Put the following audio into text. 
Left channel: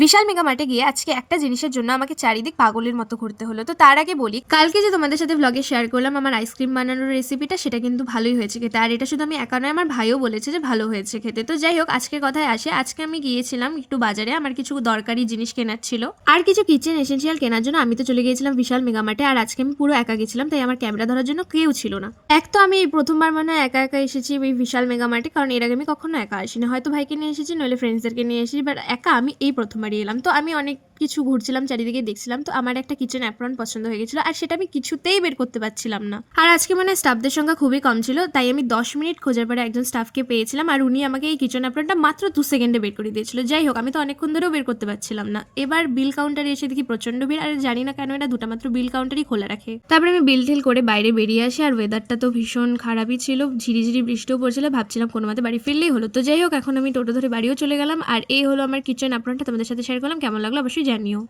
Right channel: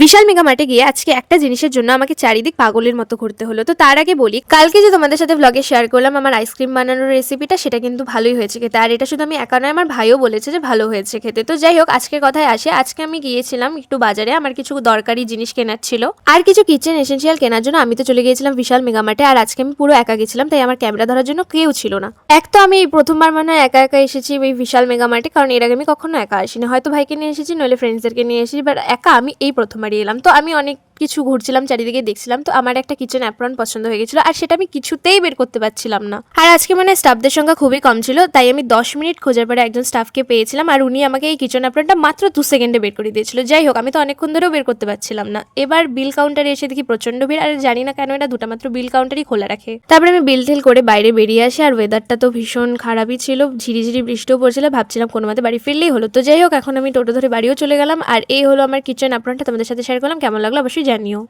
বিশাল mega মার্টে গিয়ে আজকে একটা জিনিসের জন্য আমাকে চারিদিক পাগলের মতো ঘুরতে হলো। তো তার আগে বলি, কালকে যে তোমাদের সাথে ব্লগে শেয়ার করলাম আমার আইসক্রিম বানানোর রেসিপিটা, সেটা কিন্তু ভালোই হয়েছে খেতে। আর এটা শুধু আমি একা নয়, আমার ভাইও বলেছে যে ভালো হয়েছে খেতে। তো যাই হোক, আজকের কথায় আসে। আজকে আমি গিয়েছিলাম একটু বাজারে, আমার কিছু দরকারি জিনিস কেনার ছিল আর কিছু কিচেন এসেন্সিয়াল কেনার জন্য। আমি তো চলে গিয়েছিলাম বিশাল মেগা মার্টে, আর আজকে আমি পুরো একা গেছিলাম, তাই আমার ক্যামেরা ধরার জন্য কেউ ছিল না। এক তো আমি এই প্রথমবার মনে হয় একা একা এসেছি এই বিশাল মেগা মার্টে, কারণ এর আগে আমি কখনো একা আসিনি। হয়তো ভাইকে নিয়ে এসেছি, নইলে ফ্রেন্ডসদেরকে নিয়ে এসেছি, বাট একা আমি এই প্রথমবারই এলাম। তো আমি অনেক কিছু ঘুরছিলাম, চারিদিকে দেখছিলাম। তো আমার একটা কিচেন অ্যাপ্রন পছন্দ হয়ে গেছিল, আর সেটা আমি কিছুতেই বের করতে পারছিলাম না। আর আজকে মানে স্টাফদের সংখ্যা খুবই কম ছিল, তাই আমি 10 মিনিট খোঁজার পরে একজন স্টাফকে পেয়েছিলাম, আর উনি আমাকে এই কিচেন অ্যাপ্রনটা মাত্র 2 সেকেন্ডে বের করে দিয়েছিল। যাই হোক, আমি তো অনেকক্ষণ ধরেও বের করতে পারছিলাম না। এবার বিল কাউন্টারে এসে দেখি প্রচন্ড ভিড়, আর জানি না কেন এটা দুটা মাত্র বিল কাউন্টারই খোলা রাখে। তারপরে আমি বিল টিল করে বাইরে বেরিয়ে আসি, আর ওয়েদারটা তো ভীষণ খারাপই ছিল, ঝিরিঝিরি বৃষ্টিও পড়ছিল। ভাবছিলাম কোনো মতে বাড়ি ফিরলেই হলো। তো যাই হোক, এখন আমি টোটো ধরে বাড়িও চলে গেলাম, আর এই হলো আমার কিচেন অ্যাপ্রনটা, তোমাদের সাথে শেয়ার করলাম। কেমন লাগলো অবশ্যই জানিও।